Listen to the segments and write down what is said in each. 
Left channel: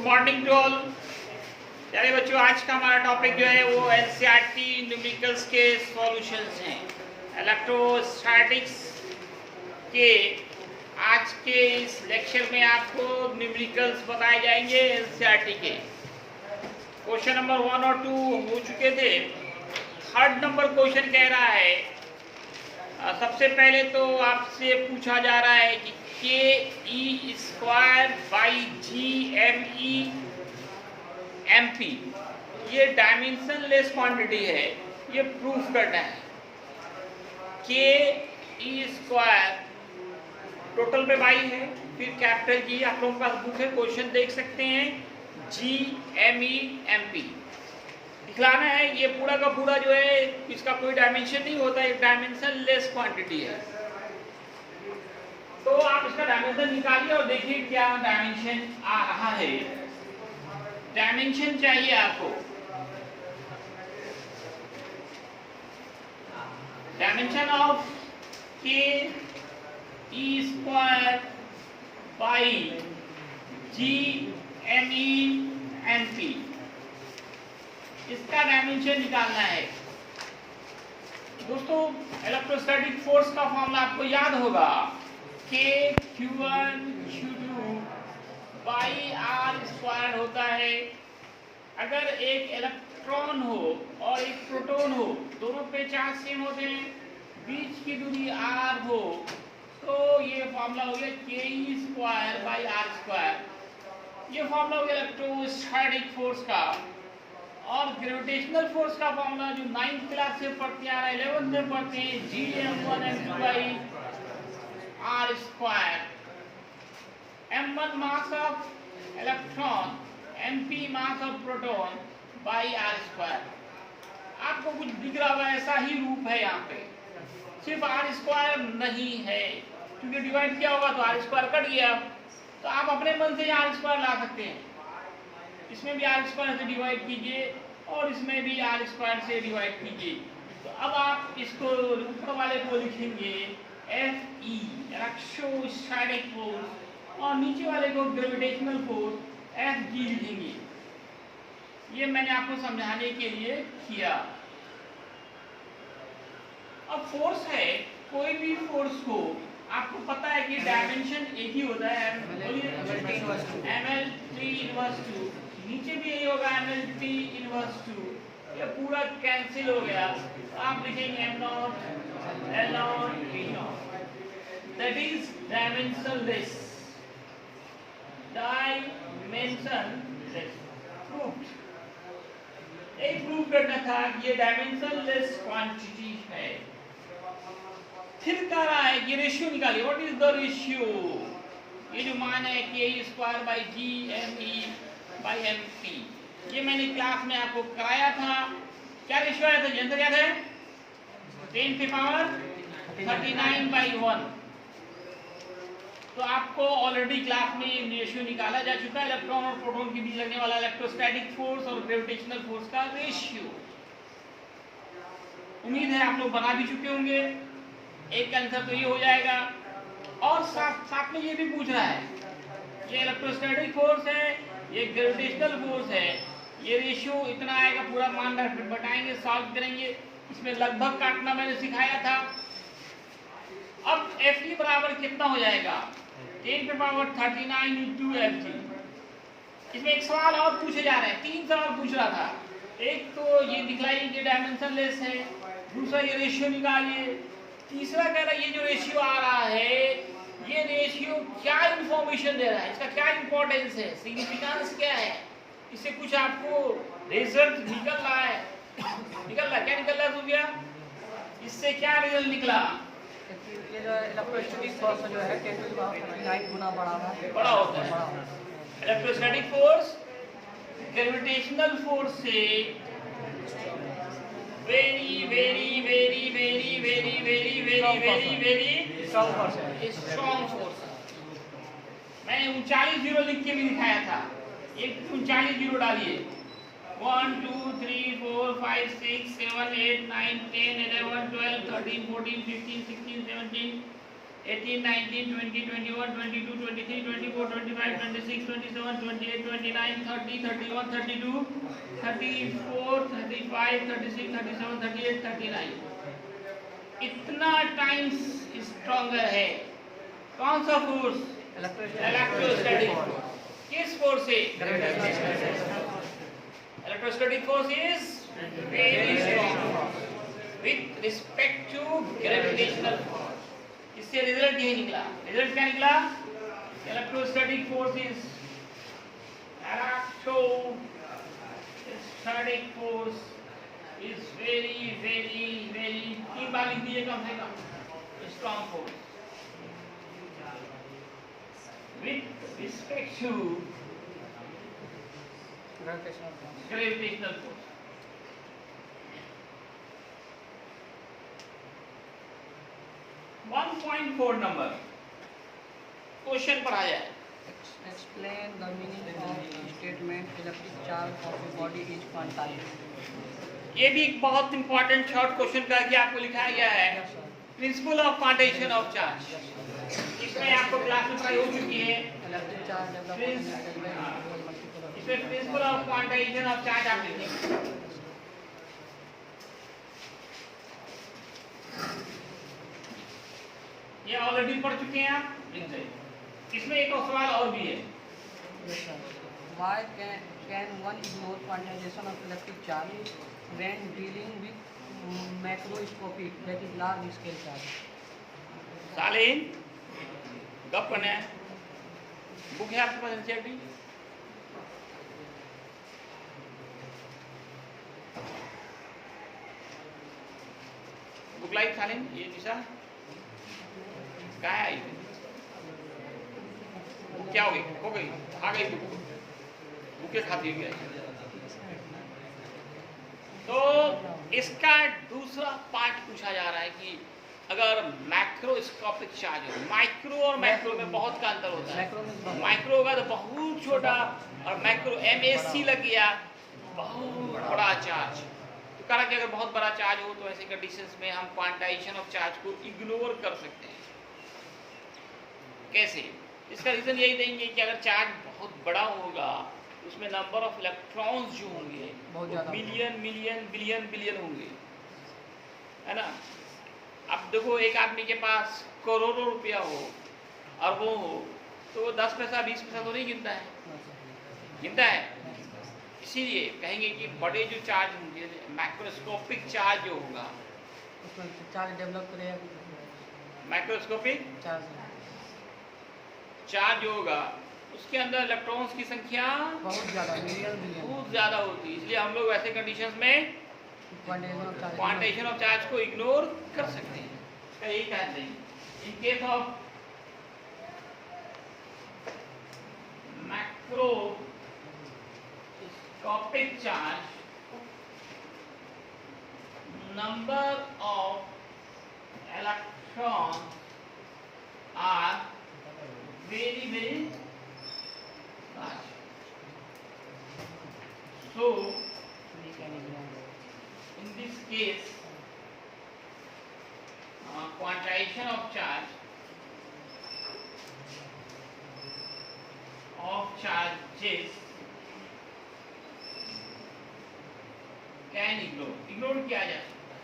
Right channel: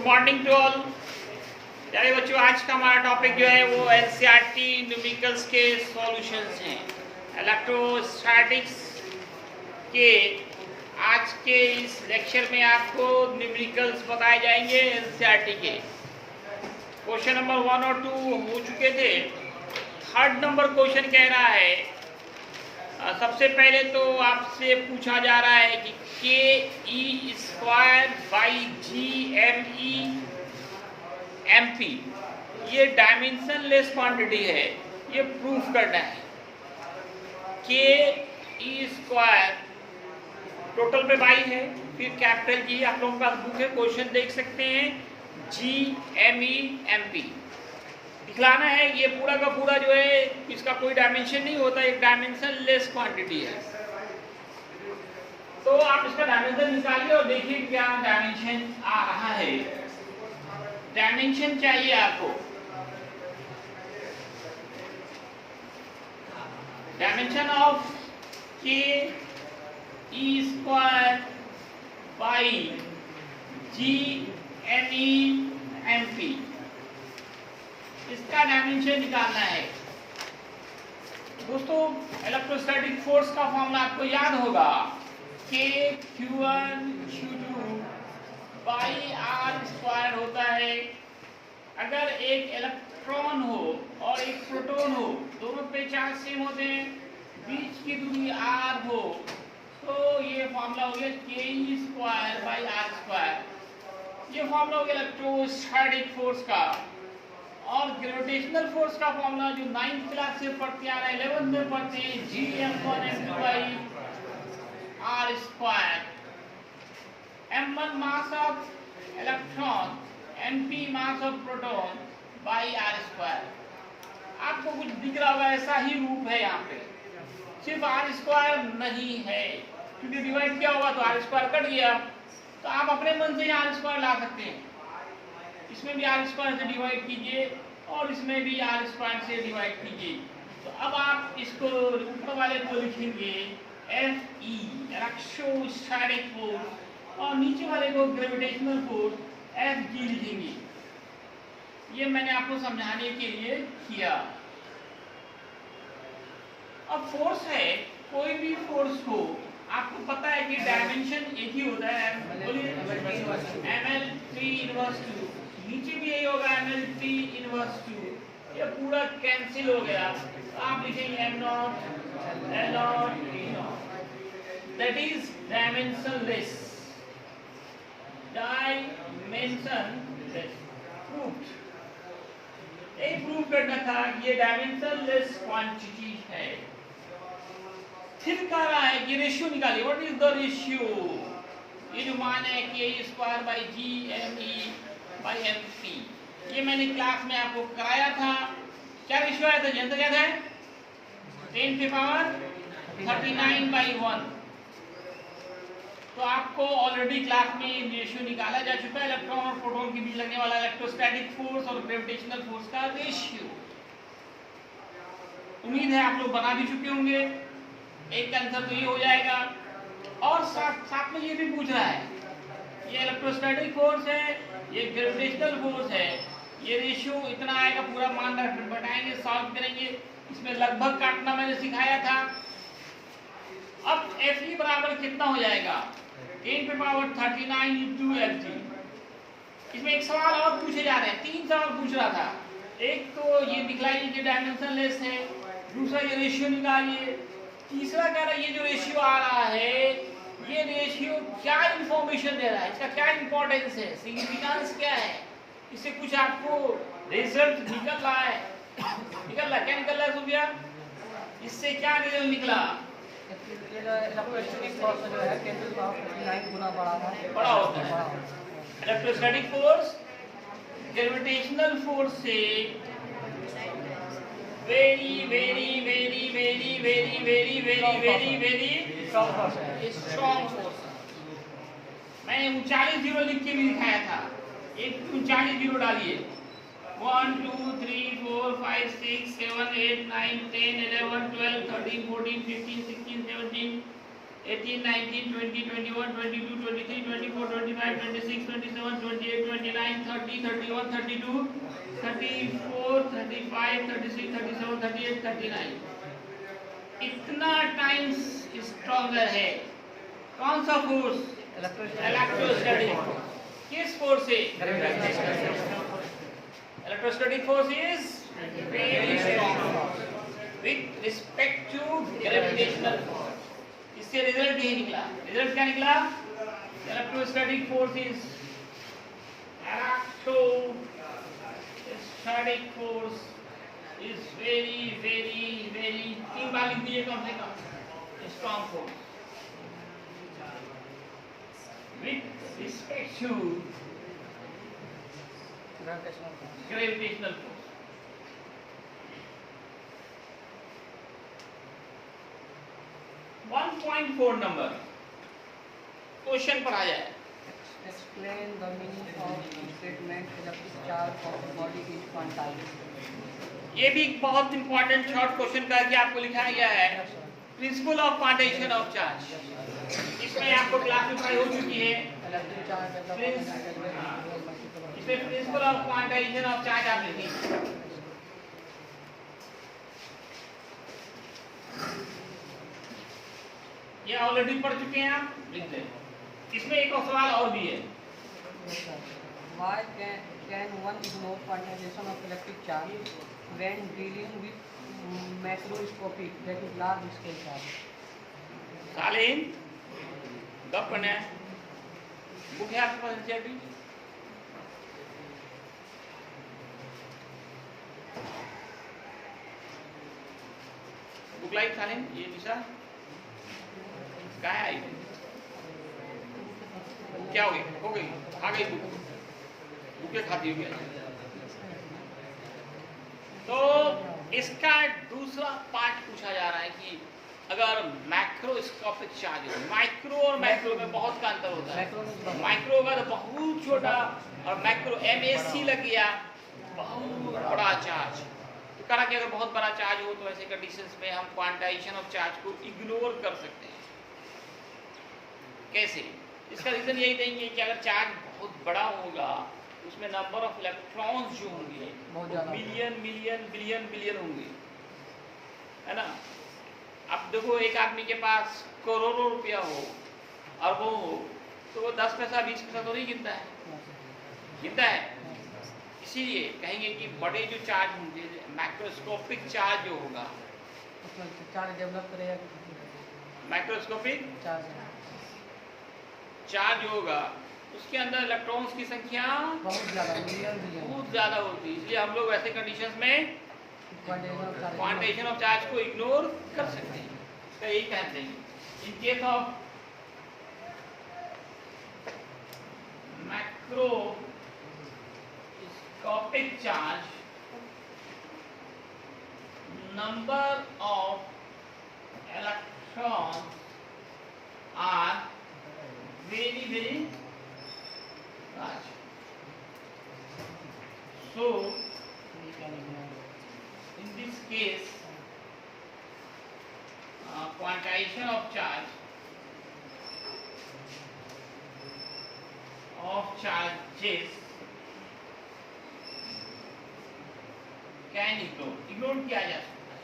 Good morning to all प्यारे बच्चों। आज का हमारा टॉपिक जो है वो एनसीईआरटी न्यूमेरिकल्स के सॉल्यूशंस हैं। इलेक्ट्रोस्टैटिक्स के आज के इस लेक्चर में आपको न्यूमेरिकल्स बताए जाएंगे। एनसीईआरटी के क्वेश्चन नंबर 1 और 2 हो चुके थे। थर्ड नंबर क्वेश्चन कह रहा है, सबसे पहले तो आपसे पूछा जा रहा है कि k e square by G m e m p ये डायमेंशन लेस क्वांटिटी है, ये प्रूफ करना है। के ई स्क्वायर टोटल पे बाई है, फिर कैपिटल जी, आप लोगों के पास बुक है, क्वेश्चन देख सकते हैं। G m e m p दिखलाना है। ये पूरा का पूरा जो है इसका कोई डायमेंशन नहीं होता, एक डायमेंशन लेस क्वांटिटी है। तो आप इसका डायमेंशन निकालिए और देखिए क्या डायमेंशन आ रहा है। डायमेंशन चाहिए आपको, dimension of k e square by G m e m p, इसका डायमेंशन निकालना है। दोस्तों इलेक्ट्रोस्टैटिक फोर्स का फॉर्मूला आपको याद होगा, के Q1 Q2 by r square होता है। अगर एक इलेक्ट्रॉन हो और एक प्रोटॉन हो, दोनों पे चार्ज सेम होते हैं, बीच की दूरी r हो, तो ये फॉर्मूला हो गया के e square by r square. ये फॉर्मूला हो गया इलेक्ट्रोस्टैटिक फोर्स का। और ग्रेविटेशनल फोर्स का फॉर्मूला जो 9th क्लास से पढ़ते आ रहा है, 11th में पढ़ते हैं, G m1 m2 by r square. m1 mass of electron, mp mass of proton by r square. आपको कुछ दिख रहा होगा, ऐसा ही रूप है यहाँ पे, सिर्फ आर स्क्वायर नहीं है, क्योंकि डिवाइड किया होगा तो आर स्क्वायर कट गया। तो आप अपने मन से यहाँ आर स्क्वायर ला सकते हैं। इसमें भी आर स्क्वायर से डिवाइड कीजिए और इसमें भी आर स्क्वायर से डिवाइड कीजिए। तो अब आप इसको ऊपर वाले को लिखेंगे एफ ई इलेक्ट्रोस्टैटिक फोर्स, और नीचे वाले को ग्रेविटेशनल फोर्स एफ जी लिखेंगे। ये मैंने आपको समझाने के लिए किया। अब फोर्स है, कोई भी फोर्स हो, आपको पता है कि डायमेंशन एक ही होता है, ml3 इनवर्स 2, नीचे भी यही होगा ml3 इनवर्स 2। ये पूरा कैंसिल हो गया, तो आप लिखेंगे m0 l0 e0, that is dimensionless. Dimensionless proved. यही प्रूव करना था कि ये डायमेंशनलेस क्वांटिटी है। फिर कह रहा है कि रेशियो निकालिए। What is the ratio? ये जो मान है कि a square by G m e by m p, ये मैंने क्लास में आपको कराया था। क्या रेशियो आया था? जनता क्या है? 10 की पावर 39 बाई 1। तो आपको ऑलरेडी क्लास में रेशियो निकाला जा चुका है, इलेक्ट्रॉन और प्रोटॉन के बीच लगने वाला इलेक्ट्रोस्टैटिक फोर्स और ग्रेविटेशनल फोर्स का रेशियो। उम्मीद है आप लोग बना भी चुके होंगे। एक आंसर तो ये हो जाएगा। और साथ में ये भी पूछ रहा है, ये इलेक्ट्रोस्टैटिक फोर्स है, ये ग्रेविटेशनल फोर्स है, ये रेशियो इतना आएगा, पूरा मान बताएंगे, सॉल्व करेंगे। इसमें लगभग काटना मैंने सिखाया था। अब एफ ई बराबर कितना हो जाएगा? 10 पे पावर 39 इंटू एफ जी। इसमें एक सवाल और पूछे जा रहे हैं, 3 सवाल पूछ रहा था। एक तो ये दिखलाइए कि डायमेंशनलेस है, दूसरा ये रेशियो निकालिए, तीसरा कह रहा है ये जो रेशियो आ रहा है, ये रेशियो क्या इंफॉर्मेशन दे रहा है, इसका क्या इंपॉर्टेंस है, सिग्निफिकेंस क्या है, इससे कुछ आपको रिजल्ट निकल रहा है। निकल रहा क्या निकल रहा है सुबिया? इससे क्या रिजल्ट निकला? इलेक्ट्रोस्टैटिक फोर्स जो है 10 की पावर 39 गुना बड़ा होता है। इलेक्ट्रोस्टैटिक फोर्स ग्रेविटेशनल फोर्स से very very very very very very very very very strong force. मैंने 39 जीरो लिख के भी दिखाया था। एक 39 जीरो डालिए। 1 2 3 4 5 6 7 8 9 10 11 12 13 14 15 16 17 18 19 20 21 22 23 24 25 26 27 27, 28, 29, 30, 31, 32, 34, 35, 36, 37, 38, 39 इतना टाइम्स स्ट्रॉन्गर है। कौन सा फोर्स? Electrostatic force. किस फोर्स से? Electrostatic force is very strong with respect to gravitational force. इससे रिजल्ट ये निकला। रिजल्ट क्या निकला? Electrostatic force is electrostatic force is very very very 3 बार लिख दीजिए कम से कम। Strong force with respect to gravitational force. One 1.4 नंबर क्वेश्चन पर आ जाए। Explain the meaning of statement electric charge of the body is quantized. ये भी एक बहुत इंपॉर्टेंट शॉर्ट क्वेश्चन करके आपको लिखाया गया है। Principle of quantization of charge, इसमें आपको क्लास में पढ़ाई हो चुकी है। इसमें principle of quantization of charge आप लिखिए। ये ऑलरेडी पढ़ चुके हैं आप, लिख दें। इसमें एक और सवाल और भी है। Why can one ignore quantization of electric charge when dealing with macroscopic, that is large scale charge? सालेन गप्पन है, बुक है आपके पास एनसीईआरटी? बुक लाइट सालेन ये दिशा क्या है? आई क्या हो गई? हो गई, आ गई बुक, बुके खाती हुई है। तो इसका दूसरा पार्ट पूछा जा रहा है कि अगर मैक्रोस्कोपिक चार्ज है, माइक्रो और मैक्रो में बहुत का अंतर होता है। माइक्रो होगा तो बहुत छोटा, और मैक्रो MSC लग गया बहुत बड़ा चार्ज। तो कहा कि अगर बहुत बड़ा चार्ज हो तो ऐसे कंडीशंस में हम क्वांटाइजेशन ऑफ चार्ज को इग्नोर कर सकते हैं। कैसे? इसका रीजन यही देंगे कि अगर चार्ज बहुत बड़ा होगा उसमें नंबर ऑफ इलेक्ट्रॉन्स जो होंगे मिलियन मिलियन बिलियन बिलियन होंगे, है ना। अब देखो एक आदमी के पास करोड़ों रुपया हो और वो तो वो 10 पैसा 20 पैसा तो नहीं गिनता है, गिनता है। इसीलिए कहेंगे कि बड़े जो चार्ज होंगे, मैक्रोस्कोपिक चार्ज जो होगा, चार्ज डेवलप करेगा। मैक्रोस्कोपिक चार्ज जो होगा उसके अंदर इलेक्ट्रॉन्स की संख्या बहुत ज़्यादा, मिलियन बहुत ज़्यादा होती है। इसलिए हम लोग ऐसे कंडीशंस में क्वांटाइजेशन ऑफ चार्ज को इग्नोर कर सकते हैं। इसका यही कहते हैं। In case of macroscopic charge, number of electrons are very very large. So in this case quantization of charges can ignore किया जा सकता है।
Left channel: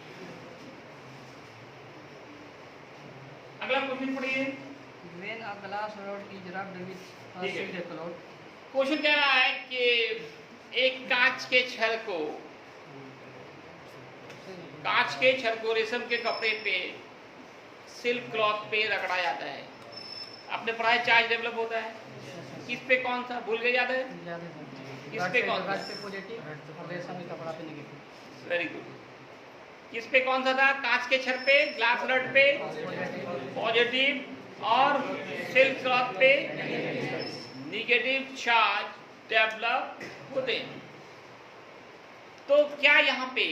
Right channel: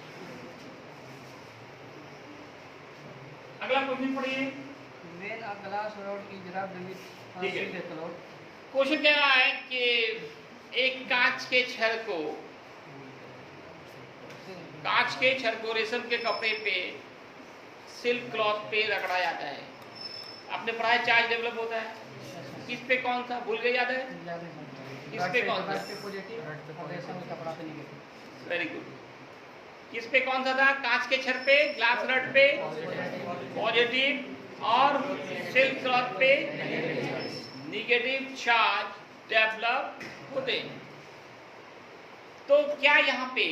अगला क्वेश्चन पढ़िए। When a glass rod is rubbed with a silver cloth, question कह रहा है कि एक कांच के छड़ को रेशम के कपड़े पे सिल्क क्लॉथ पे रगड़ा जाता है। आपने पढ़ा है चार्ज डेवलप होता है किस पे? कौन सा भूल गए? याद है किस पे? कौन सा? पॉजिटिव और रेशम के कपड़ा पे नेगेटिव। Very good. किस पे कौन सा था? कांच के छड़ पे, ग्लास रड पे पॉजिटिव और सिल्क क्लॉथ पे नेगेटिव चार्ज डेवलप होते हैं। तो क्या यहाँ पे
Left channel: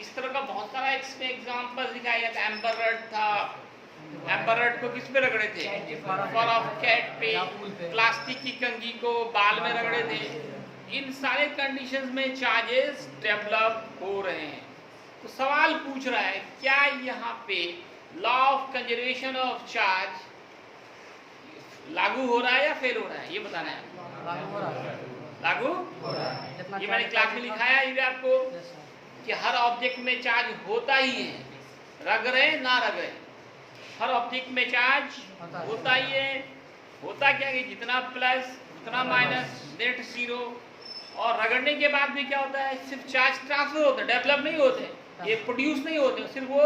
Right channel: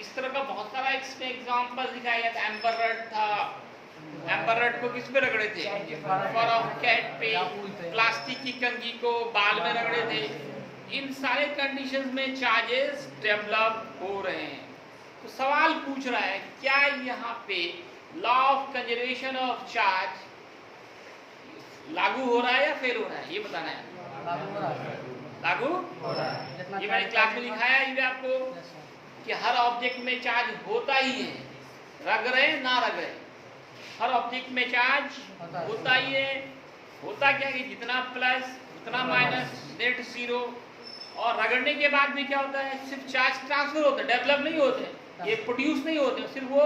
इस तरह का बहुत सारा इसमें एग्जांपल दिखाया गया था। एम्बर रड था, एम्बर रड को किस पे रगड़े थे? फर ऑफ कैट पे। प्लास्टिक की कंघी को बाल में रगड़े थे। इन सारे कंडीशंस में चार्जेस डेवलप हो रहे हैं। तो सवाल पूछ रहा है क्या यहाँ पे law of conservation of charge लागू हो रहा है या फेल हो रहा है, ये बताना है। लागू हो रहा है। लागू हो रहा है। जितना ये मैंने क्लास में लिखाया है आपको Yes, sir. कि हर ऑब्जेक्ट में चार्ज होता ही है, रग रहे ना रग रहे, हर ऑब्जेक्ट में चार्ज होता ही है। होता क्या कि जितना प्लस उतना माइनस नेट जीरो, और रगड़ने के बाद भी क्या होता है, सिर्फ चार्ज ट्रांसफर होता है, डेवलप नहीं होते, ये प्रोड्यूस नहीं होते, सिर्फ वो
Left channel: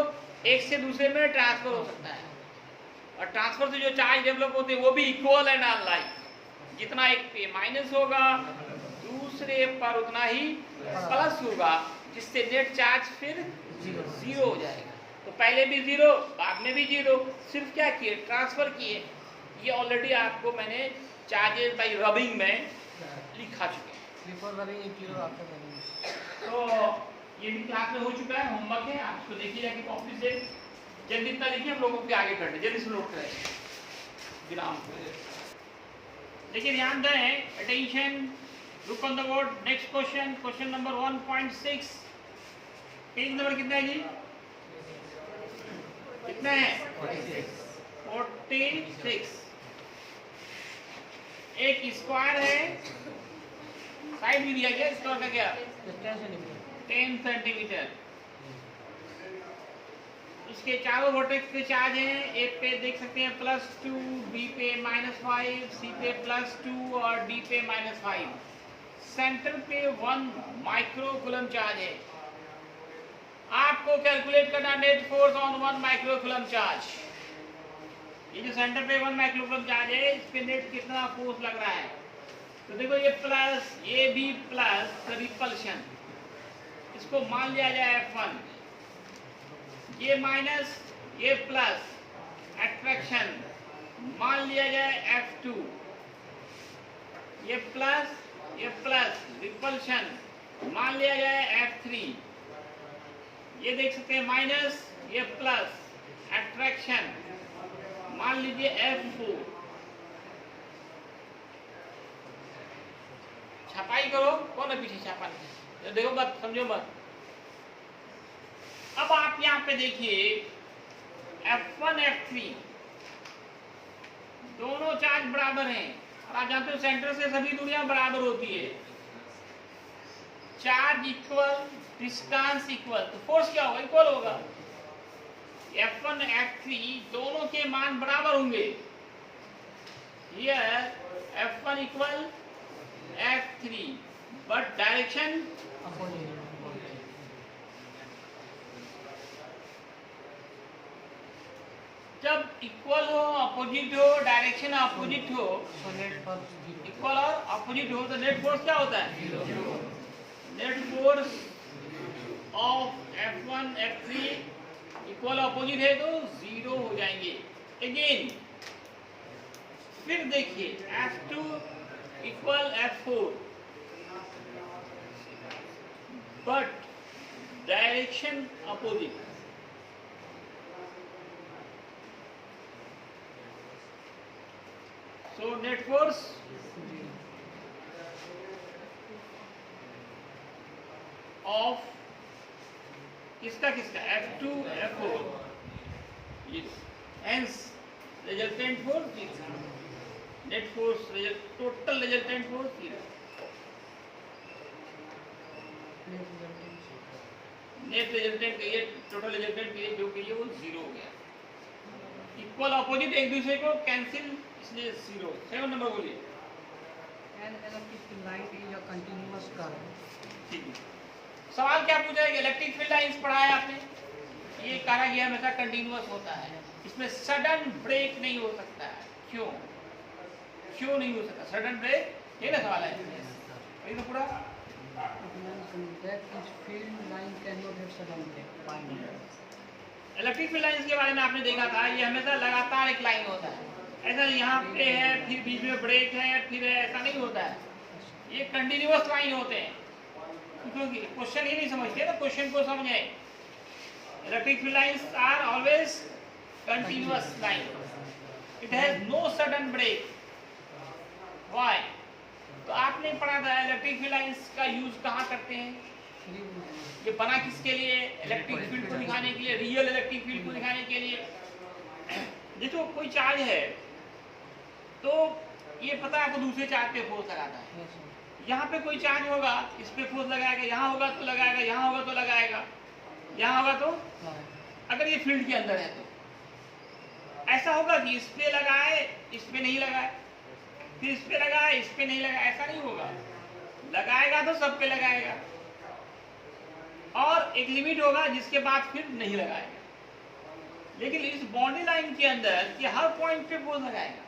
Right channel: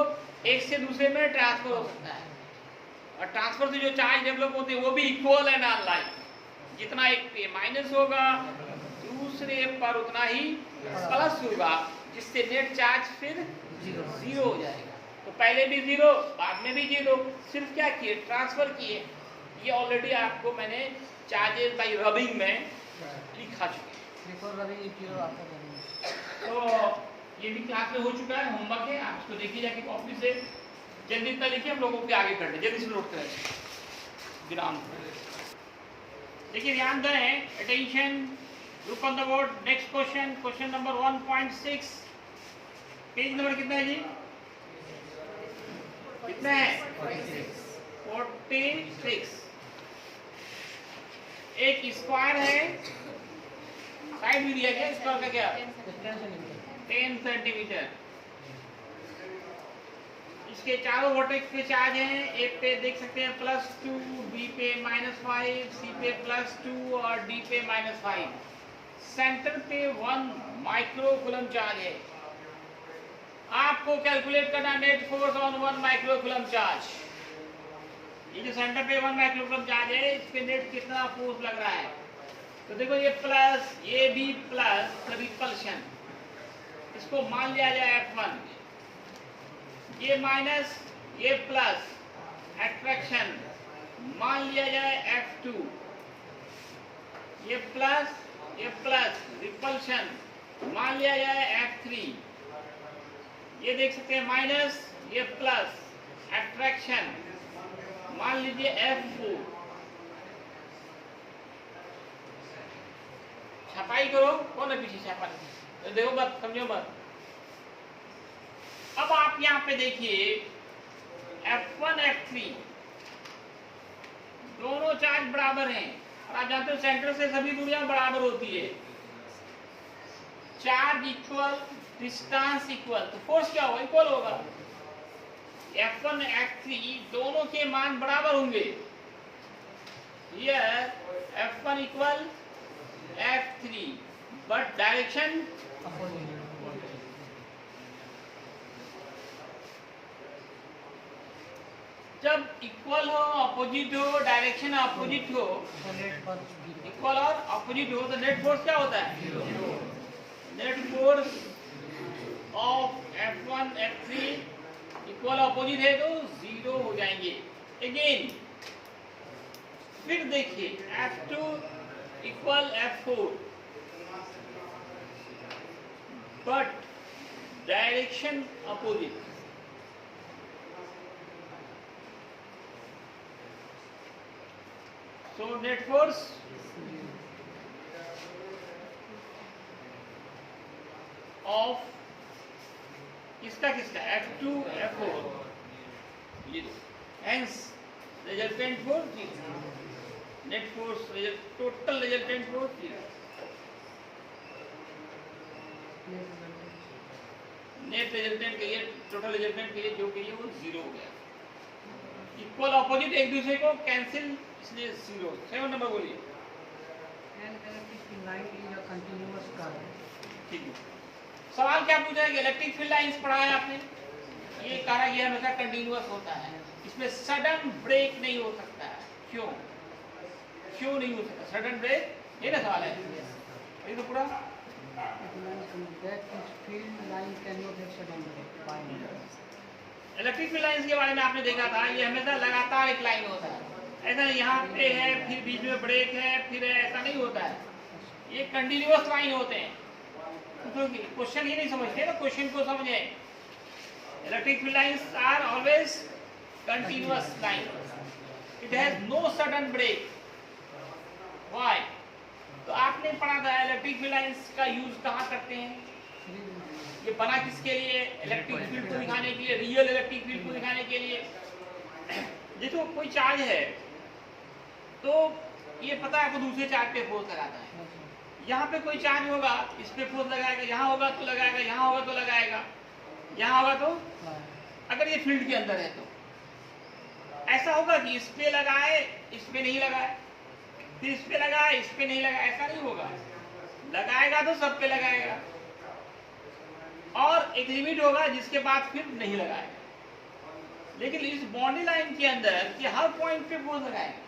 एक से दूसरे में ट्रांसफर हो सकता है। और ट्रांसफर से जो चार्ज डेवलप होते हैं वो भी इक्वल एंड अनलाइक, जितना एक पे माइनस होगा दूसरे पर उतना ही प्लस होगा, जिससे नेट चार्ज फिर जीरो हो जाएगा। तो पहले भी जीरो, बाद में भी जीरो, सिर्फ क्या किए, ट्रांसफर किए। ये ऑलरेडी आपको मैंने चार्जेस बाई रबिंग में लिखा चुका है। Before rubbing it, you after rubbing. तो ये भी क्लास में हो चुका है, होमवर्क है, आप इसको देखिए जाके कॉपी से, जल्दी इतना लिखिए, हम लोगों के आगे करते हैं, जल्दी से नोट करें विराम। देखिए ध्यान दें, attention, look on the board, next question, question number 1.6, page number कितना है जी, कितना है 46। एक स्क्वायर है, साइड भी दिया गया, स्क्वायर का क्या 10 सेंटीमीटर। इसके चारों वर्टेक्स पे चार्ज हैं, ए पे देख सकते हैं +2, बी पे -5, सी पे +2 और डी पे -5। सेंटर पे 1 माइक्रोकूलम चार्ज है। आपको कैलकुलेट करना net force on 1 microcoulomb charge. ये जो सेंटर पे 1 माइक्रोकूलम चार्ज है, इस पे नेट कितना फोर्स लग रहा है, तो देखो ये प्लस, ये भी प्लस, तो रिपल्शन, इसको मान लिया जाए F1, ये माइनस, ये प्लस, अट्रैक्शन मान लिया जाए F2, ये प्लस, रिपल्शन मान लिया जाए F3, ये देख सकते हैं माइनस, ये प्लस, अट्रैक्शन मान लीजिए F4। छपाई करो, कौन है पीछे छापा, देखो मत, समझो मत। अब आप यहाँ पे देखिए F1 F3 दोनों चार्ज बराबर हैं, और आप जानते हो सेंटर से सभी दूरियां बराबर होती है, चार्ज इक्वल, डिस्टेंस इक्वल, तो फोर्स क्या होगा, इक्वल होगा। F1 F3 दोनों के मान बराबर होंगे। Here F1 equal F3, but direction जब इक्वल हो, अपोजिट हो, डायरेक्शन अपोजिट हो, इक्वल और अपोजिट हो, तो नेट फोर्स क्या होता है, net force of F1 F3 equal opposite है तो जीरो हो जाएंगे। अगेन फिर देखिए F2 equal F4, but direction opposite, so net force of किसका F2 F4, hence resultant force net force, total resultant force net resultant कहिए, total resultant कहिए, जो कहिए वो जीरो हो गया। इक्वल अपोजिट एक दूसरे को कैंसिल, इसलिए जीरो। 7 नंबर बोलिए। ठीक है, सवाल क्या पूछा है कि इलेक्ट्रिक फील्ड लाइंस पढ़ा है आपने, ये कहा गया हमेशा कंटिन्यूअस होता है, इसमें सडन ब्रेक नहीं हो सकता है। क्यों नहीं हो सकता सडन ब्रेक, ये ना सवाल है, ये तो पूरा इलेक्ट्रिक फील्ड लाइंस के बारे में आपने देखा था, ये हमेशा लगातार एक लाइन होता है, ऐसा यहाँ पे है फिर बीच में ब्रेक है फिर है, ऐसा नहीं होता है, ये कंटिन्यूअस लाइन होते हैं। क्योंकि क्वेश्चन ही नहीं समझते ना, क्वेश्चन को समझे। Electric field lines are always continuous line, it has no sudden break. Why? तो आपने पढ़ा था इलेक्ट्रिक फील्ड लाइंस का यूज कहाँ करते हैं, ये बना किसके लिए, इलेक्ट्रिक फील्ड को दिखाने के लिए, रियल इलेक्ट्रिक फील्ड को दिखाने के लिए। देखो कोई चार्ज है, तो ये पता है आपको दूसरे चार्ज पे फोर्स लगाता है। Yes, sir. यहाँ पे कोई चार्ज होगा, इस पे फोर्स लगाएगा, यहाँ होगा तो लगाएगा, यहाँ होगा तो लगाएगा, यहाँ होगा तो, Right. अगर ये फील्ड के अंदर है तो ऐसा होगा कि इस पे लगाए, इस पे नहीं लगाए, फिर इस पे लगाए, इस पे नहीं लगाए, ऐसा नहीं होगा। लगाएगा तो सब पे लगाएगा, और एक लिमिट होगा जिसके बाद फिर नहीं लगाएगा। लेकिन इस बाउंड्री लाइन के अंदर कि हर पॉइंट पे फोर्स लगाएगा।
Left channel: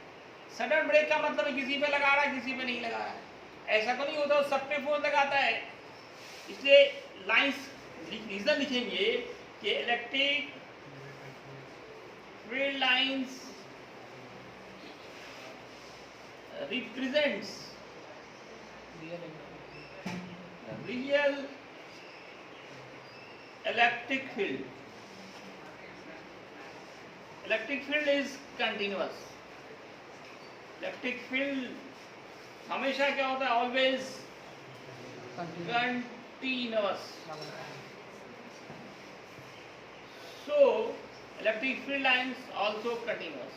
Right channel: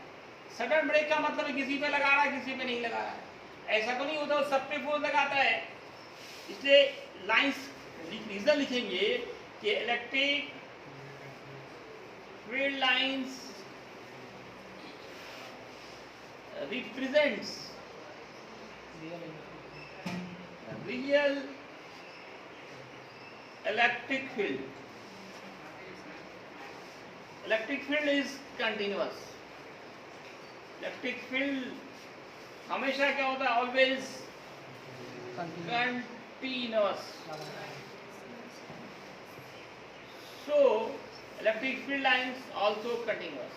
सडन ब्रेक का मतलब है किसी पे लगा रहा है, किसी पे नहीं लगा रहा है, ऐसा तो नहीं होता, सब पे फोर्स लगाता है। इसलिए लाइंस रीजन लिखेंगे कि electric field lines represents real electric field. Electric field is continuous. Electric field हमेशा क्या होता है? Always continuous. So electric field lines also continuous.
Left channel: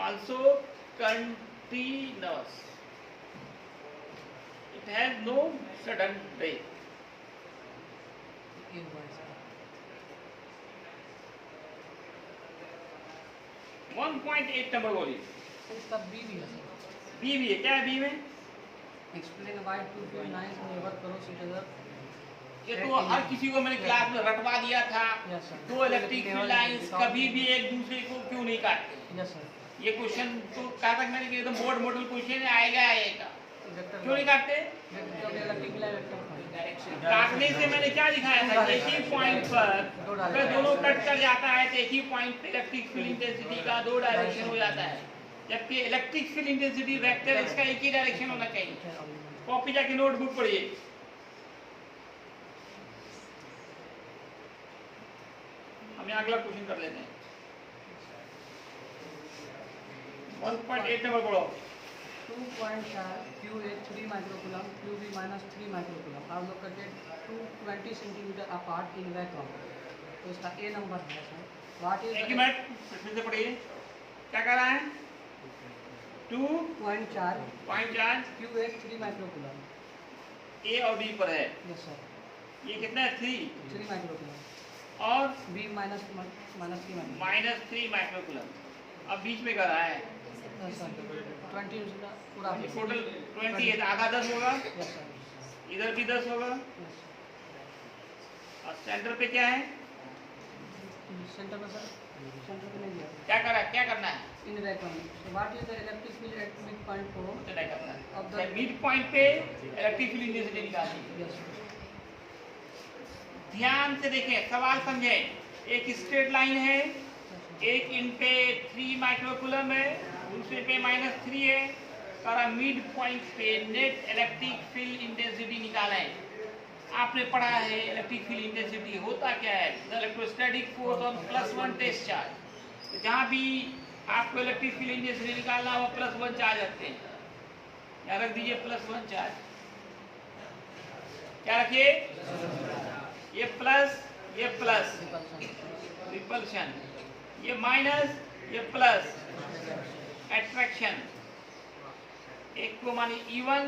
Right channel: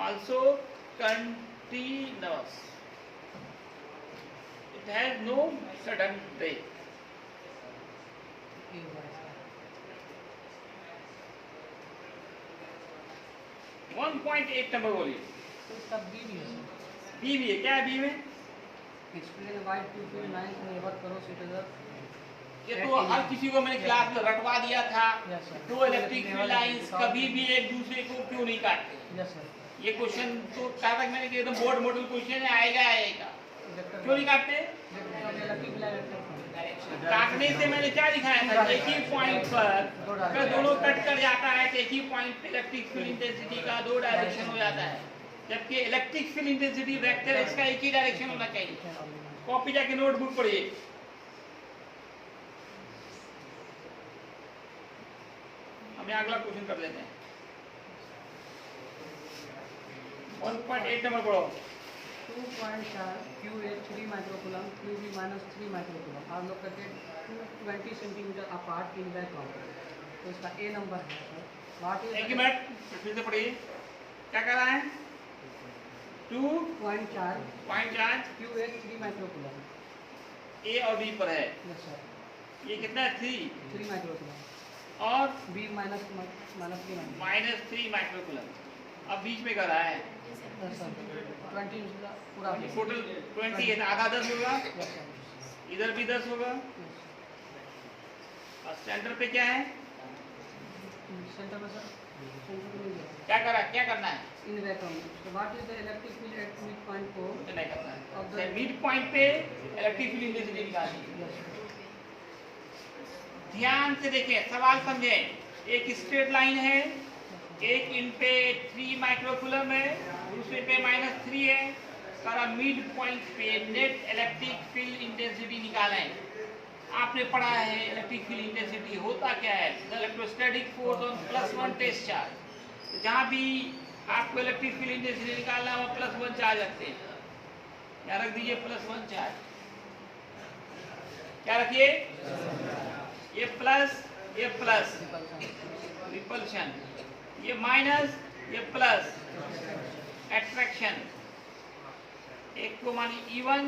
Also continuous. It has no sudden break. 1.8 number बोलिए। इसका B भी है सर। बी भी है, क्या है बी में? Explain why to be nice never करो इट ये तो हर किसी को मैंने क्लास में रटवा दिया था। Yes, sir. दो इलेक्ट्रिक फील्ड लाइंस कभी भी एक दूसरे को क्यों नहीं काटते? Yes sir. ये क्वेश्चन तो क्या तक मैंने किया, तो बोर्ड मॉडल क्वेश्चन आएगा आएगा, क्यों नहीं काटते? काटने से मैंने क्या दिखाया था? एक ही पॉइंट पर अगर दोनों कट कर जाता है तो एक ही पॉइंट पे इलेक्ट्रिक फील्ड इंटेंसिटी का दो डायरेक्शन हो जाता है, जबकि इलेक्ट्रिक फील्ड इंटेंसिटी वेक्टर इसका एक ही डायरेक्शन होना चाहिए। कॉपी जाके नोटबुक पढ़िए। हम यहाँ अगला क्वेश्चन कर लेते हैं। 1.8 नंबर पढ़ो। 2.4 QA 3 microcoulomb, QB minus 3 microcoulomb are located 220 centimeter apart in vacuum. तो इसका A नंबर है सर। What is एक मिनट फिर से पढ़िए, क्या कर रहा है? 2.4 QA 3 microcoulomb. ए और बी पर है। Yes sir. ये कितना है? 3 microcoulomb और B minus 3 microcoulomb. -3 माइक्रोकूलम। अब बीच में कर रहा है यस सर। 20 पूरा टोटल 20 है, आधा 10 होगा, यस सर। इधर भी 10 होगा, यस और सेंटर पे क्या है? सेंटर में सर, सेंटर में नहीं है। क्या करना है? इन vacuum. So what is the electric field at midpoint for? इतना करना है। Of the मिड पॉइंट पे इलेक्ट्रिक फील्ड इंटेंसिटी निकालनी है। yes sir. ध्यान से देखें, सवाल समझें। एक स्ट्रेट लाइन है, एक इन पे 3 माइक्रोकूलम है, दूसरे पे -3 है, सारा मिड पॉइंट पे नेट इलेक्ट्रिक फील्ड इंटेंसिटी निकालें। आपने पढ़ा है इलेक्ट्रिक फील्ड इंटेंसिटी होता क्या है? Electrostatic force on +1 test charge. तो जहाँ भी आपको इलेक्ट्रिक फील्ड इंटेंसिटी निकालना हो +1 चार्ज रखते हैं, यहाँ रख दीजिए +1 चार्ज। क्या रखिए? ये प्लस, ये प्लस रिपल्शन, ये माइनस, ये प्लस एट्रैक्शन। एक को मानिए E1,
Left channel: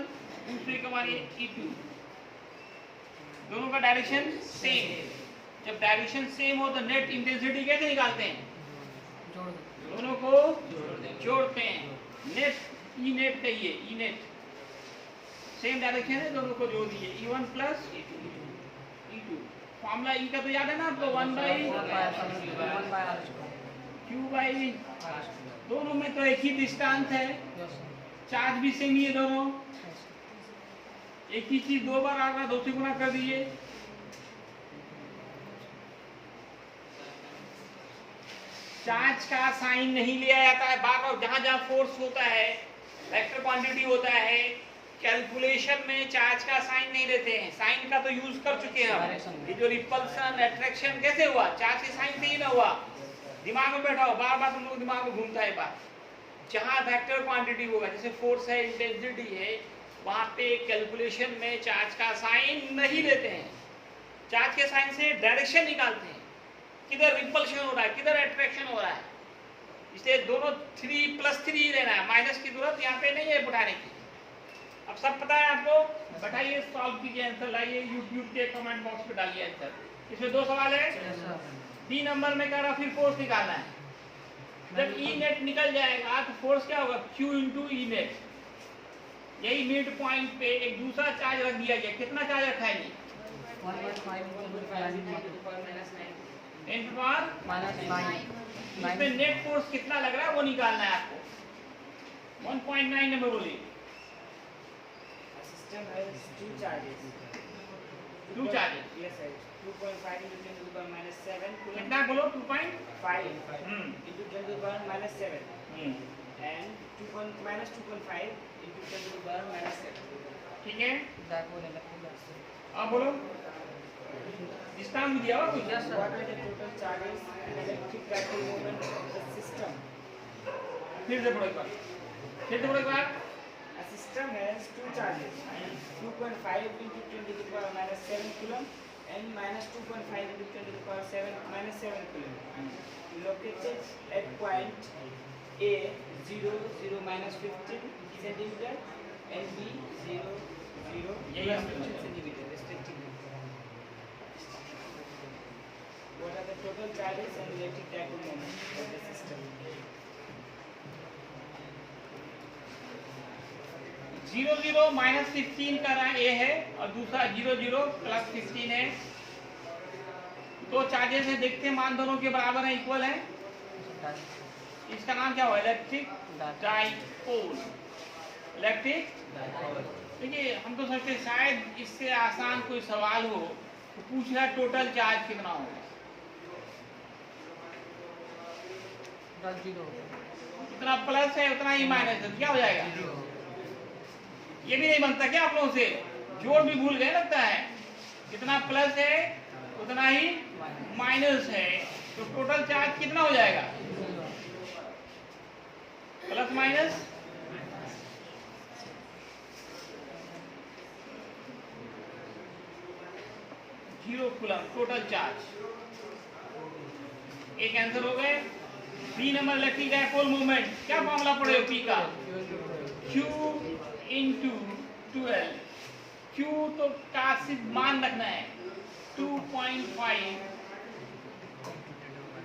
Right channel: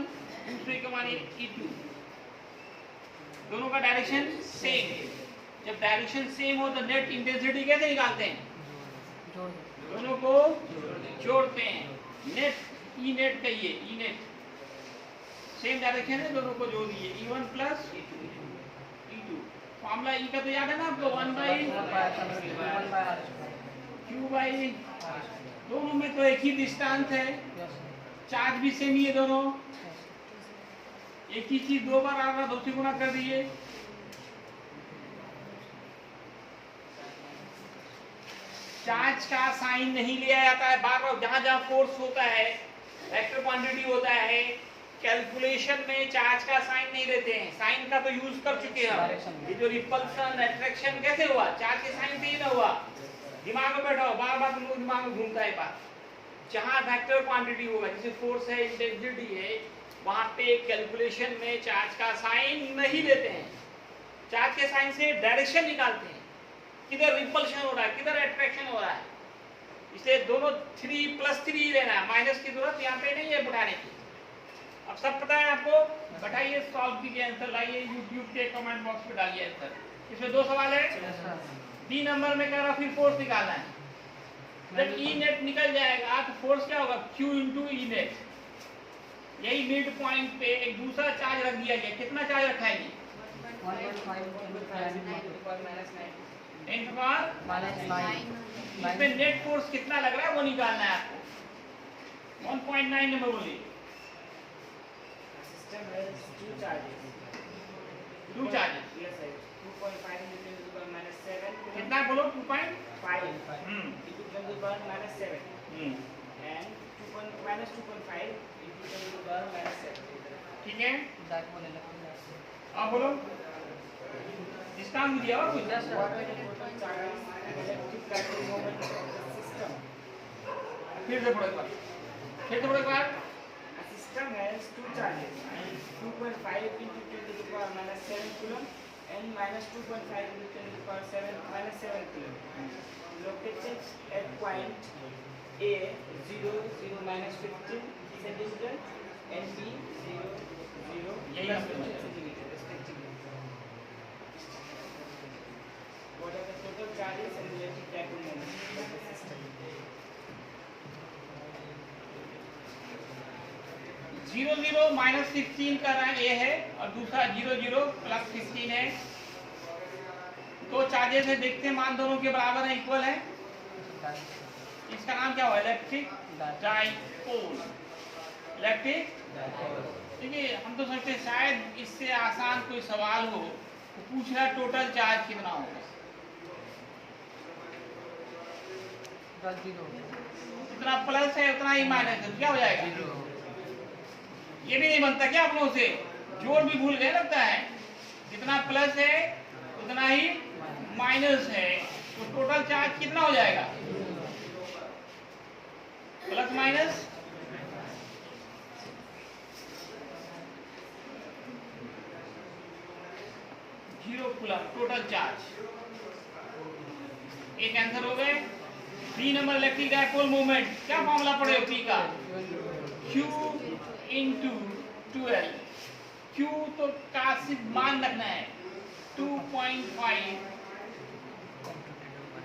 दूसरे को मानिए E2। दोनों का डायरेक्शन सेम। जब डायरेक्शन सेम हो तो नेट इंटेंसिटी कैसे निकालते हैं? दोनों को जोड़ते हैं। नेट ई नेट कहिए, ई नेट सेम डायरेक्शन है, दोनों को जोड़ दीजिए। E1 plus E2। फॉर्मूला ई का तो याद है ना आपको? 1/Q/, दोनों में तो एक ही डिस्टेंस है, चार्ज भी सेम ही है दोनों। एक ही चीज दो बार आ रहा, दो से गुना कर दीजिए। चार्ज का साइन नहीं लिया जाता है बार बार। जहां जहां फोर्स होता है, वेक्टर क्वांटिटी होता है, कैलकुलेशन में चार्ज का साइन नहीं देते हैं। साइन का तो यूज कर चुके हैं हम। ये जो रिपल्सन एट्रैक्शन कैसे हुआ? चार्ज के साइन से ही ना हुआ। दिमाग में बैठा हो, बार बार तुम लोग दिमाग में घूमता है बात। जहां वेक्टर क्वांटिटी होगा, जैसे फोर्स है, इंटेंसिटी है, वहां पे कैलकुलेशन में चार्ज का साइन नहीं लेते हैं। चार्ज के साइन से डायरेक्शन निकालते हैं। किधर रिपल्शन हो रहा है, किधर अट्रैक्शन हो रहा है। इसलिए दोनों 3+3 लेना है, माइनस की जरूरत यहाँ पे नहीं है उठाने की। अब सब पता है आपको, बताइए, सॉल्व कीजिए, आंसर लाइए, यूट्यूब के कमेंट बॉक्स पे डालिए आंसर। इसमें 2 सवाल है। बी नंबर में कह रहा फिर फोर्स निकालना है। जब ई नेट निकल जाएगा तो फोर्स क्या होगा, Q इंटू ई नेट। यही मिड पॉइंट पे एक दूसरा चार्ज रख दिया गया। कितना चार्ज रखा है ये, 10⁻⁻⁹। इसमें नेट फोर्स कितना लग रहा है वो निकालना है आपको। 1.9 नंबर बोलिए। System has two charges. 2 charges, Yes, sir. 2.5 into 10 to the power minus 7 coulomb. कितना बोलो, 2.5। 5 into 10 to the power minus 7 and 2.5 into 10 to the power minus 7. ठीक है, डायपोल इलेक्ट्रिक अब बोलो इसका हम दिया और कुछ। Yes, sir. What are the total charges and electric dipole moment of the system? फिर से पढ़ो एक बार, फिर से पढ़ो एक बार। A system has two charges, 2.5 into 10 to the power minus 7 coulomb and minus 2.5 into 10 to the power 7 minus 7 coulomb. Located at point A 0 0 minus 15 centimeter and B 0 0 plus 15 centimeter respectively. What are the total charges and electric dipole moment of the system? 0 0 minus 16 का रहा ए है और दूसरा 0 0 plus 16 है। 2 charges है, देखते हैं मान दोनों के बराबर है, इक्वल है। इसका नाम क्या हुआ, इलेक्ट्रिक डाइपोल। इलेक्ट्रिक, देखिए हम तो सोचते शायद इससे आसान कोई सवाल हो तो पूछ रहा टोटल चार्ज कितना होगा। 0 जितना प्लस है उतना ही माइनस है, क्या हो जाएगा। ये भी नहीं बनता क्या आप लोगों से, जोड़ भी भूल गए लगता है। जितना प्लस है उतना ही माइनस है, तो टोटल चार्ज कितना हो जाएगा, plus minus. Zero coulomb total charge. एक आंसर हो गए। 3 नंबर इलेक्ट्रिक डाइपोल मोमेंट, क्या फॉर्मूला पढ़े हो पी का, Q इंटू 12। Q तो का सिर्फ मान रखना है, 2.5।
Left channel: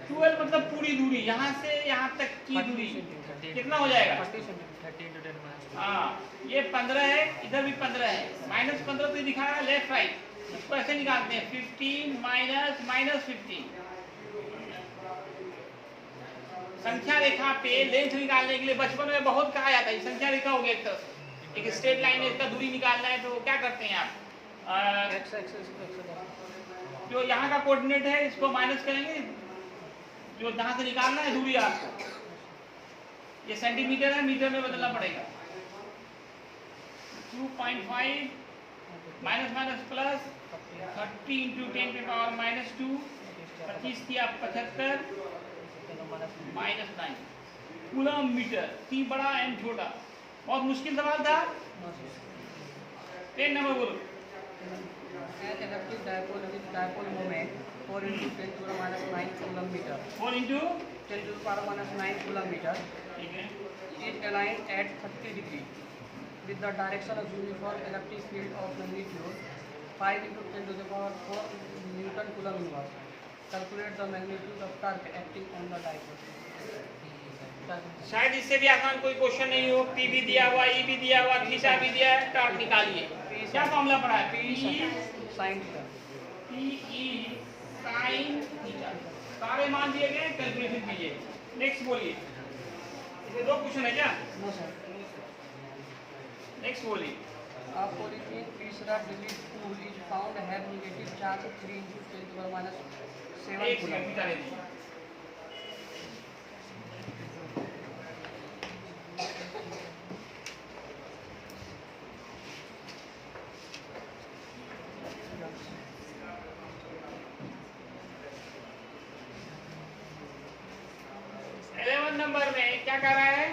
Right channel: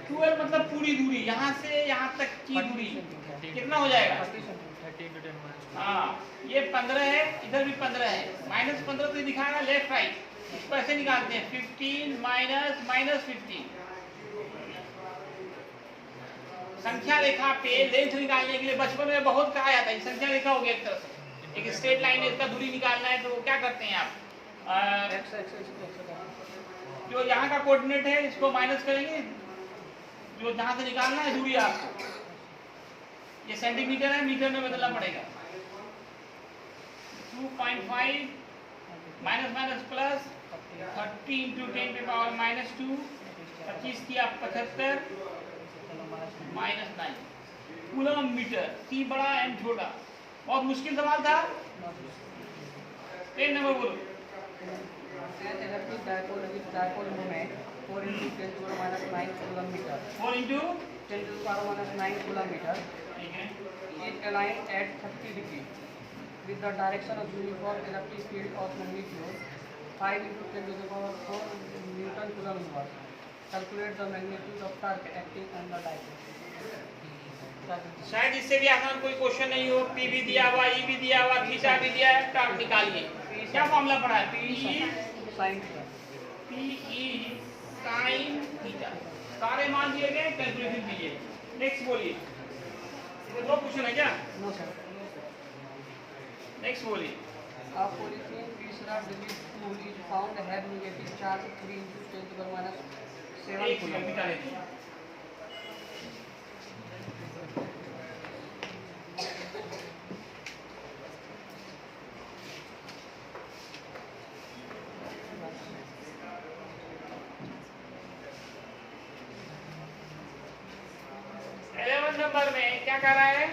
12 मतलब पूरी दूरी, यहाँ से यहाँ तक की दूरी कितना हो जाएगा, 30 हाँ ये 15 है, इधर भी 15 है। माइनस 15 तो दिखा रहा है लेफ्ट राइट, इसको ऐसे निकालते हैं 15 माइनस माइनस 15। संख्या रेखा पे लेंथ निकालने के लिए बचपन में बहुत कहा जाता है, संख्या रेखा हो गया एक तरह से। एक स्ट्रेट लाइन में इसका दूरी निकालना है तो क्या करते हैं आप, जो यहाँ का कोऑर्डिनेट है इसको माइनस करेंगे, जो जहाँ से निकालना है दूरी आपको, ये सेंटीमीटर है, मीटर में बदलना पड़ेगा। 2.5 माइनस माइनस प्लस 30 इंटू 10 के पावर माइनस 2, 25 किया 75 माइनस 9 कूलम मीटर। सी बड़ा एम छोटा, बहुत मुश्किल सवाल था। 10 नंबर बोलो। Electric dipole moment 4 into 10 to the minus 9 coulomb meter 4 into 10 to the power minus 9 coulomb meter ठीक है, is aligned at 30 degree with the direction of uniform electric field of magnitude 5 into 10 to the power 4 Newton coulomb inverse. Calculate the magnitude of torque acting on the dipole. शायद इससे भी आसान कोई question नहीं हो। P भी दिया हुआ, ई भी दिया हुआ, थीटा भी दिया है, टॉर्क निकालिए। क्या फॉर्मूला पढ़ा है, पी Sin theta. ई साइन थीटा। सारे मान दिए गए, कैलकुलेशन कीजिए। नेक्स्ट बोलिए, ये 2 क्वेश्चन है क्या, No sir. नेक्स्ट बोलिए। A polythene तीसरा digit tool is found have negative charge 3 into 10 to the minus 7 एक सेकंड coulomb. मिटा लीजिए। नंबर में क्या कर रहा है,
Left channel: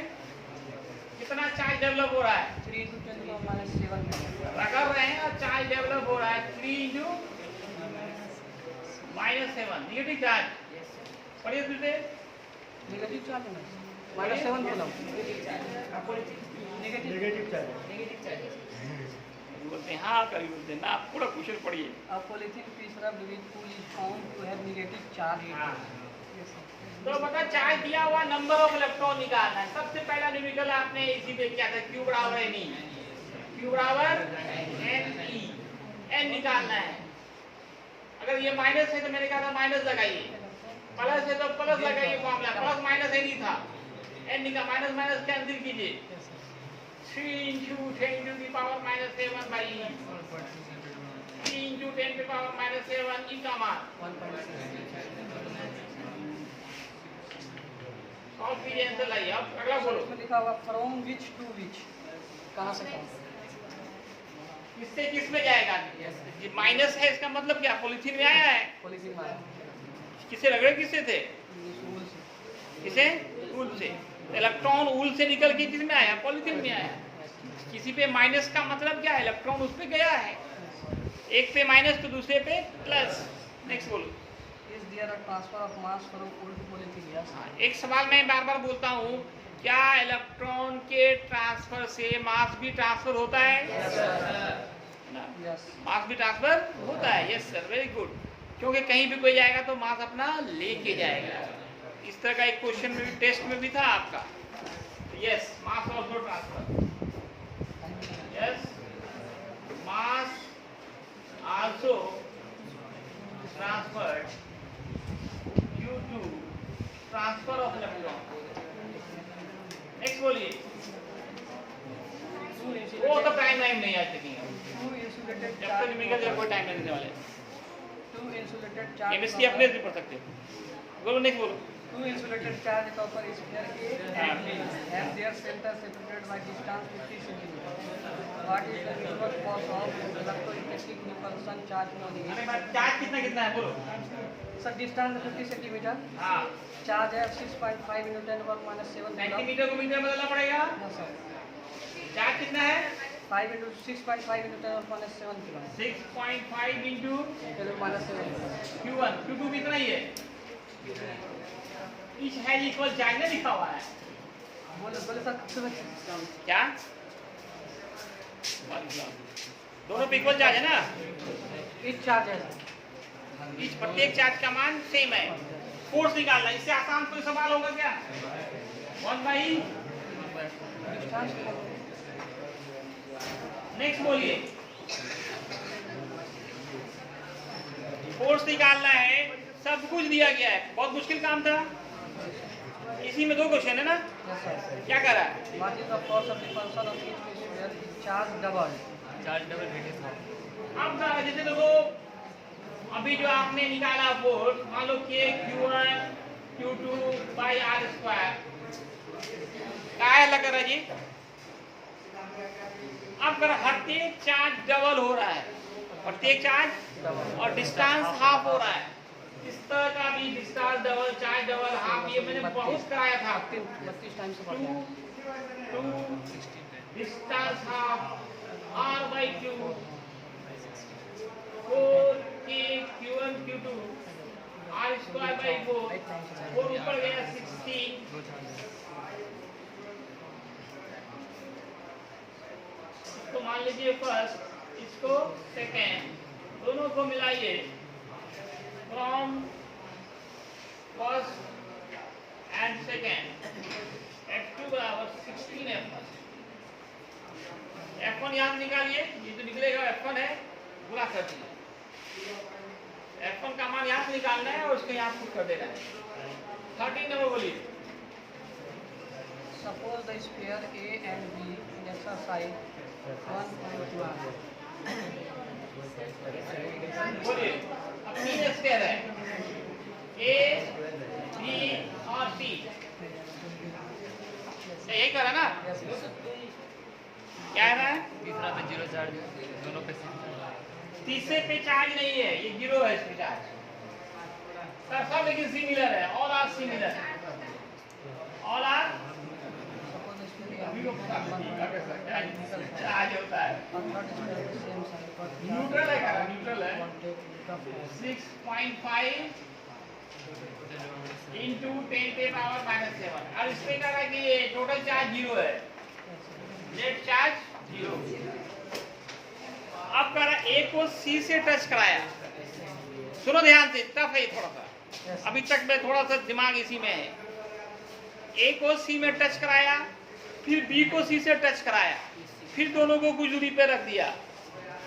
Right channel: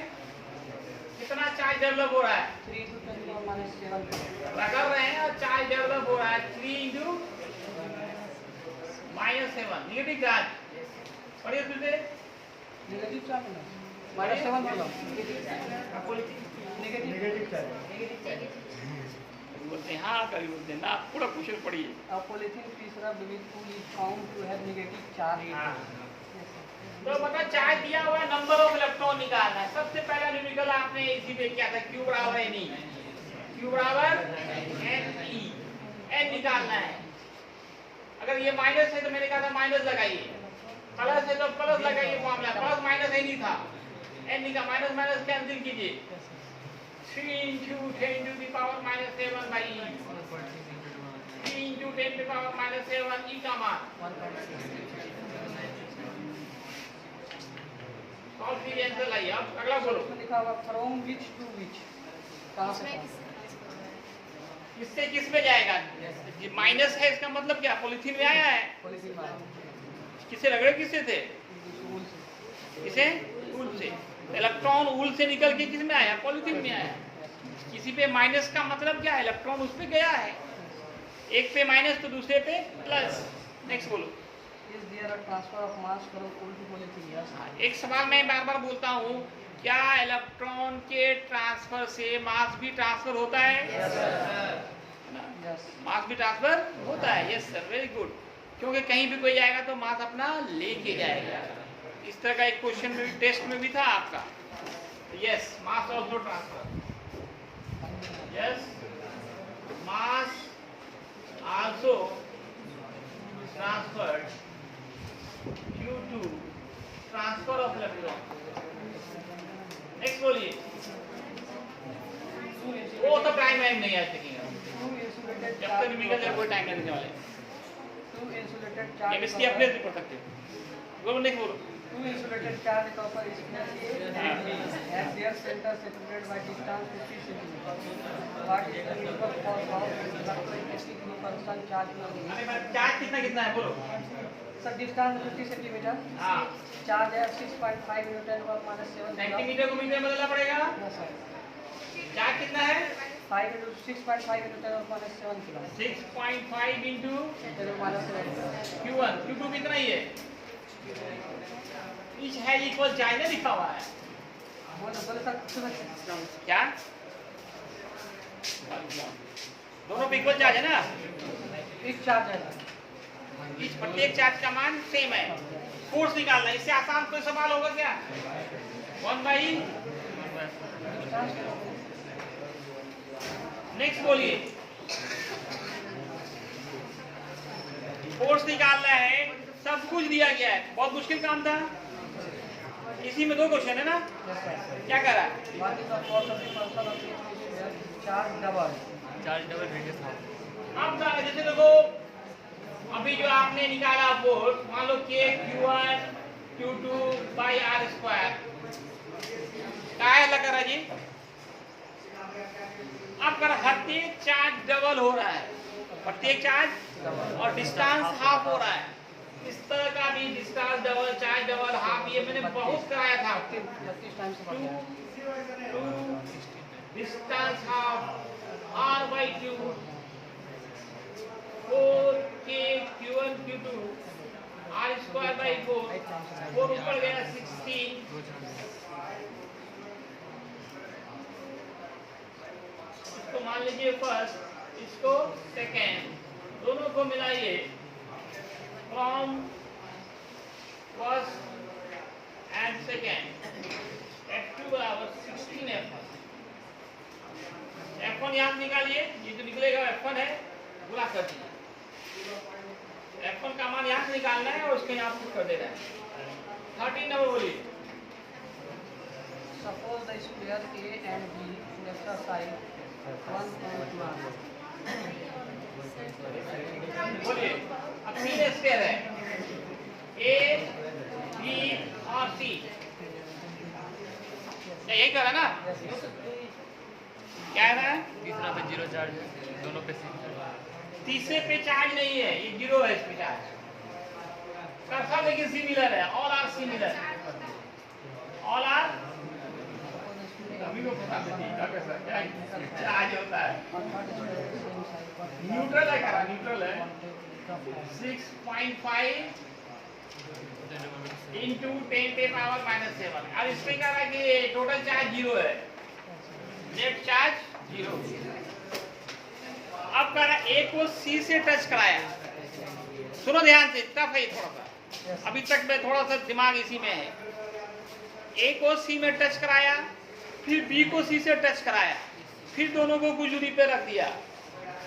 कितना चार्ज डेवलप हो रहा है, 3 into 10 to the minus 7 coulomb. रगड़ रहे हैं और चार्ज डेवलप हो रहा है 3 इंटू माइनस 7 निगेटिव चार्ज। पढ़िए फिर से। नेगेटिव चार्ज है -7 कूलम। नेगेटिव चार्ज बोलते हैं हाँ, कभी बोलते हैं ना, पूरा क्वेश्चन पढ़िए। A polythene piece rubbed with wool is found to have negative charge. हाँ। Yes, sir. तो मतलब चार्ज दिया हुआ है, नंबर ऑफ इलेक्ट्रॉन निकालना है। सबसे पहला न्यूमेरिकल आपने इसी पे किया था, Q बराबर एन ई, Q बराबर एन ई, एन निकालना है। अगर ये माइनस है तो मैंने कहा था माइनस लगाइए, प्लस है तो प्लस लगाइए, फॉर्मूला प्लस माइनस है नहीं था, एन निकाल, माइनस माइनस कैंसिल कीजिए। 3 into 10 to the power minus 7 by E, 3 into 10 to the power minus 7 E का मान 1.6. सॉल्व कीजिए, आंसर लाइए। अब अगला बोलो। इसमें लिखा हुआ फ्रॉम विच टू विच, कहाँ से कहाँ? किससे किस में जाएगा? ये माइनस है, इसका मतलब क्या? पॉलिथीन में आया है। पॉलीथीन मार किससे लग रहे, किससे थे? वूल से। किसे? ऊल से। इलेक्ट्रॉन ऊल से निकल के किस में आया? पॉलिथीन में आया। किसी पे माइनस का मतलब क्या है? इलेक्ट्रॉन उस पे गया है, एक पे माइनस तो दूसरे पे प्लस। नेक्स्ट बोलो। Is there a transfer of mass from wool to polythene? Yes. एक सवाल मैं बार बार बोलता हूँ, क्या इलेक्ट्रॉन के ट्रांसफर से मास भी ट्रांसफर होता है? Yes. मास भी ट्रांसफर होता है। Yes sir, very good. क्योंकि कहीं भी कोई आएगा तो मास अपना लेके जाएगा। इस तरह का एक क्वेश्चन टेस्ट में भी था आपका। Yes, mass also transfer. Yes, mass also transferred due to transfer of electron. Next बोलिए। वो तो टाइम नहीं आज तक, Two insulated जब तक न्यूमेरिकल कोई टाइम नहीं वाले। Two insulated charge. केमिस्ट्री अपने से पढ़ सकते हो। बोलो, नेक्स्ट बोलो। Two insulated charge copper is placed and their center separated by distance 50 cm. What is the inverse cause of electrostatic repulsion charge? अरे भाई, चार्ज कितना कितना है बोलो। Sir, distance 50 centimeter. हाँ, Charge है 6.5 न्यूटन पर -7 सेंटीमीटर को मीटर में बदलना पड़ेगा। Yes, sir. चार्ज कितना है? 5 into 6.5 न्यूटन पर -7 किलो. 6.5 इंटू -7. Q1, Q2 कितना ही है? इच हैज इक्वल चार्ज ना लिखा हुआ है। बोले सर क्या? दोनों पे इक्वल चार्ज है ना? इस चार्ज है सर. इच प्रत्येक चार्ज का मान सेम है। फोर्स निकालना, इससे आसान कोई सवाल होगा क्या? 1/। नेक्स्ट बोलिए। फोर्स निकालना है, सब कुछ दिया गया है, बहुत मुश्किल काम था। इसी में 2 क्वेश्चन है ना? Yes, sir. क्या कर रहा है? What is the force of repulsion of each material? Charge double. अब क्या है, जैसे देखो अभी जो आपने निकाला फोर्स, मान लो K Q1 Q2 by R square, क्या लग रहा है जी? अब कर प्रत्येक चार्ज डबल हो रहा है, प्रत्येक चार्ज और डिस्टेंस हाफ हो रहा है। इस तरह का भी distance double, charge double, half, ये मैंने बहुत कराया था। 32 टाइम से बढ़ता है. 2 distance half R by Q, 4K Q1 Q2 R square by 4 ऊपर गया 16। इसको मान लीजिए फर्स्ट, इसको सेकेंड, दोनों को मिलाइए। From first and second F2 बराबर 16 F1। F1 यहाँ निकालिए, ये जो निकलेगा F1 है, गुणा कर दीजिए। F1 का मान यहाँ से निकालना है और उसको यहाँ पुट कर देना है। 13 नंबर बोलिए। Suppose the sphere A and B exercise 1.2 hours. बोलिए। अब 3 स्क्वायर है, A, B और C। यही करा ना? क्या है ना? तीसरा पे 0 चार्ज है, दोनों पे C चार्ज। तीसरे पे चार्ज नहीं है, ये 0 है इस पे चार्ज। सब लेकिन सिमिलर है, all are similar, all are charge होता है। न्यूट्रल है, क्या न्यूट्रल है? 6.5 इंटू 10⁻⁻⁷। अब इसमें क्या है कि टोटल चार्ज 0 है, नेट चार्ज 0। अब कह रहा है ए को सी से टच कराया, सुनो ध्यान से, टफ है थोड़ा सा, अभी तक मैं थोड़ा सा दिमाग इसी में है। ए को सी में टच कराया, फिर बी को सी से टच कराया, फिर दोनों को कुछ दूरी पे रख दिया।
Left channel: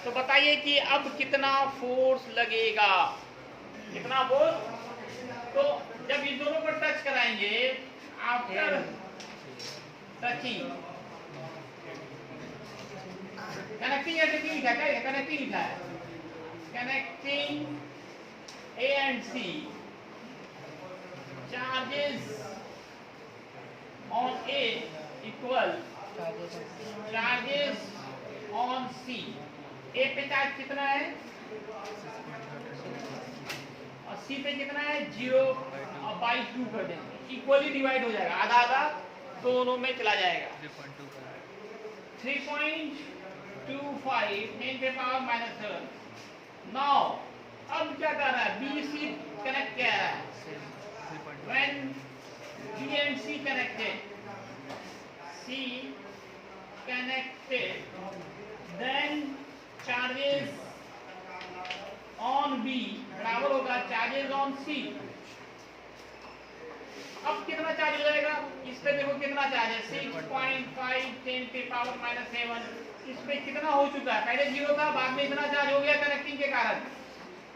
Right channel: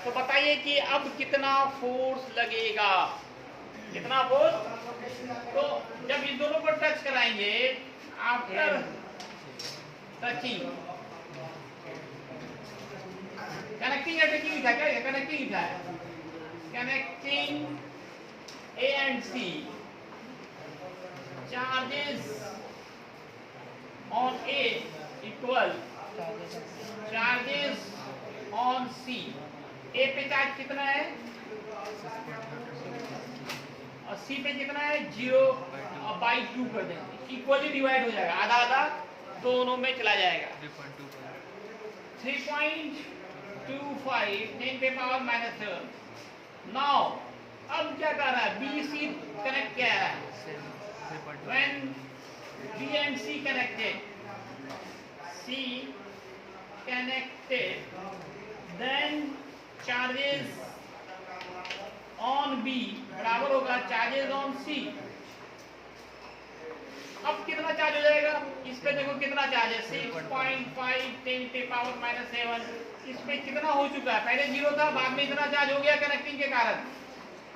तो बताइए कि अब कितना फोर्स लगेगा, कितना फोर्स? तो जब इस दोनों को टच कराएंगे, आफ्टर टचिंग, कनेक्टिंग या टचिंग लिखा है, क्या कनेक्टिंग लिखा है, connecting A and C, charges on A equal charges on C. A पे चार्ज कितना है और सी पे कितना है, 0/2 कर देंगे, इक्वली डिवाइड हो जाएगा, आधा आधा दोनों में चला जाएगा। 3.25 10⁻⁻⁷। नाउ अब क्या कर रहा है, बी सी कनेक्ट किया है, when B and C connected, C connected, then charges on B बराबर होगा चार्जेस ऑन C। अब कितना चार्ज हो जाएगा, इस पे देखो कितना चार्ज है, 6.5 10⁻⁻⁷। इस पे कितना हो चुका है, पहले 0 था, बाद में इतना चार्ज हो गया कनेक्टिंग के कारण,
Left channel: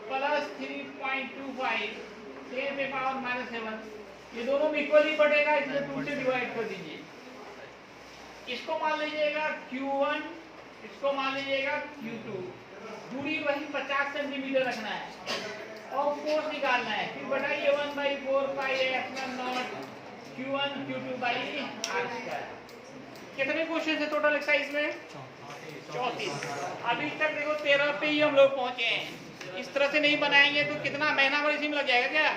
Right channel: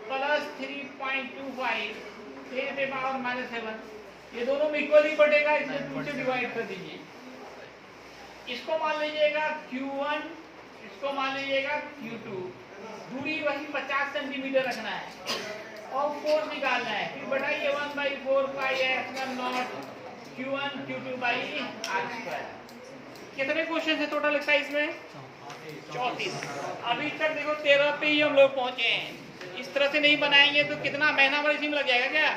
प्लस 3.25 10⁻⁻⁷। ये दोनों में इक्वली बटेगा, इसलिए 2 से डिवाइड कर दीजिए। इसको मान लीजिएगा Q1, इसको मान लीजिएगा Q2, दूरी वही 50 सेंटीमीटर रखना है और फोर्स निकालना है, फिर बताइए 1/4πε0 Q1 Q2/r²। कितने क्वेश्चन है टोटल एक्सरसाइज में? 34। अभी तक देखो 13 पे ही हम लोग पहुंचे हैं। इस तरह से नहीं बनाएंगे तो कितना महीना भर इसी में लग जाएगा क्या?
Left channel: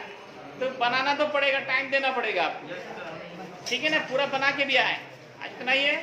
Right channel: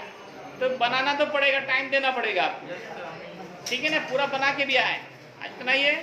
तो बनाना तो पड़ेगा, टाइम देना पड़ेगा आपको, ठीक है ना, पूरा बना के भी आए। आज इतना ही है।